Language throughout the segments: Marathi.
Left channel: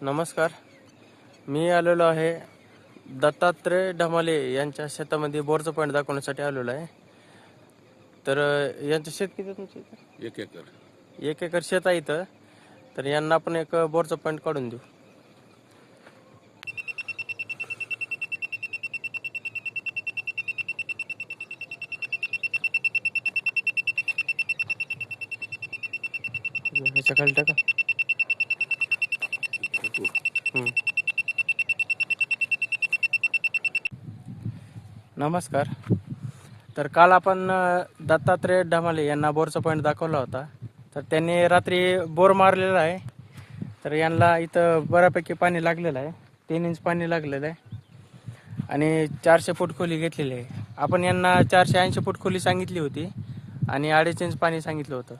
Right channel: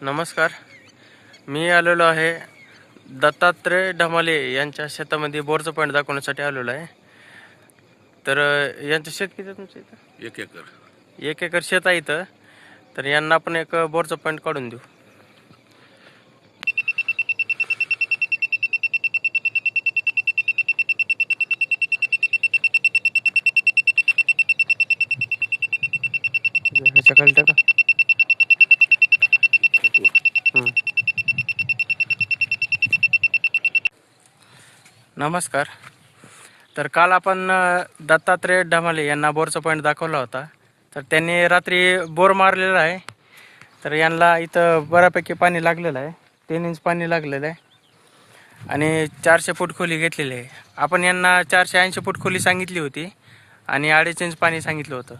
नमस्कार. मी आलेलो आहे दत्तात्रय ढमाले यांच्या शेतामध्ये बोरचं पॉईंट दाखवण्यासाठी आलेलो आहे. तर यांचं शेत किती आहे तुमच्या इथं? 1 एकर. 1 एकर शेत आहे इथं. तर यांना आपण एक बोरचं पॉईंट काढून देऊ. ह्याच्या खाली टाका. नमस्कार. तर काल आपण दत्तात्रय ढमाले यांना बोरचा पॉईंट दाखवला होता. तर त्यांनी रात्री बोर मारलेला आहे. तर यांना इथं बऱ्यापैकी पाणी लागलेलं आहे. 3 इंच पाणी लागलेलं आहे आणि 400 फूट खोली घेतलेली आहे. आपण यांना 480 फूट खोली सांगितली होती आणि 2.5 इंच पाणी सांगितलं होतं.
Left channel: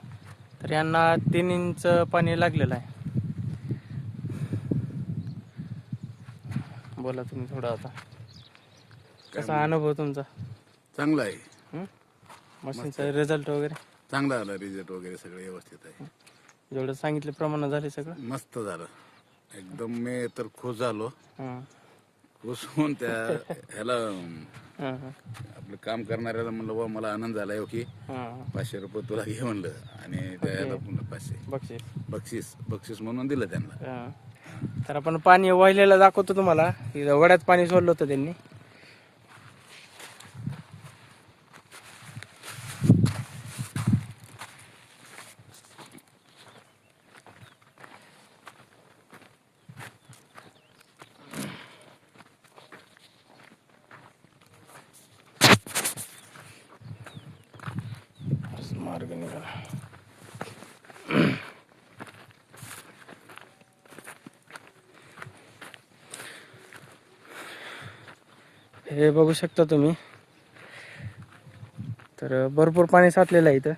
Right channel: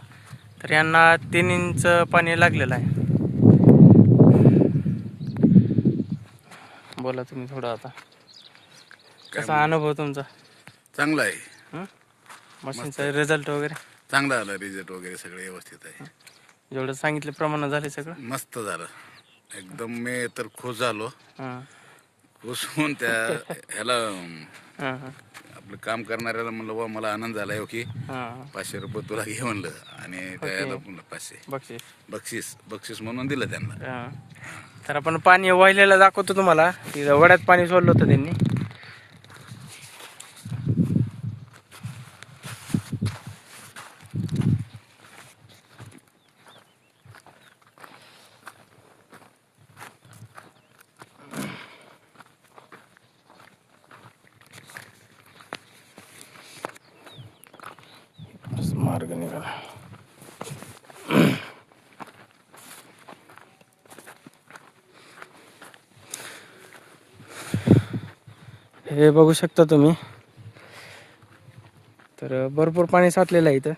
तर यांना 3 इंच पाणी लागलेलं आहे. बोला तुम्ही थोडं आता. कसा अनुभव तुमचा? चांगला आहे. मशीनचा रिझल्ट वगैरे चांगला आला. रिझल्ट वगैरे सगळं व्यवस्थित आहे. जेवढं सांगितलं प्रमाणात झाले सगळं मस्त झालं एकदम. मी तर खुश झालो. हां खुश होऊन त्या ह्याला हां हां आपलं काम करणाऱ्याला म्हणलं वा मला आनंद झाला आहे की हां 500 रुपये तुला घे म्हणलं आणि त्या ह्याला 500 बक्षीस बक्षीस म्हणून दिलं त्यांना. हां. तर आपण पाणी वाहिलेलं दाखवतो तुम्हाला. तिथं वड्यात पाणी सोडलं होतं त्यांनी. मार्ग निघाला. हे बघू शकता तुम्ही. तर भरपूर पाणी साचलेलं आहे इथं.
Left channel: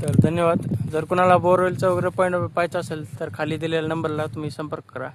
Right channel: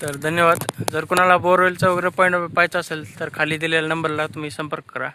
तर धन्यवाद. जर कोणाला बोरवेलचा वगैरे पॉईंट पाहायचा असेल तर खाली दिलेल्या नंबरला तुम्ही संपर्क करा.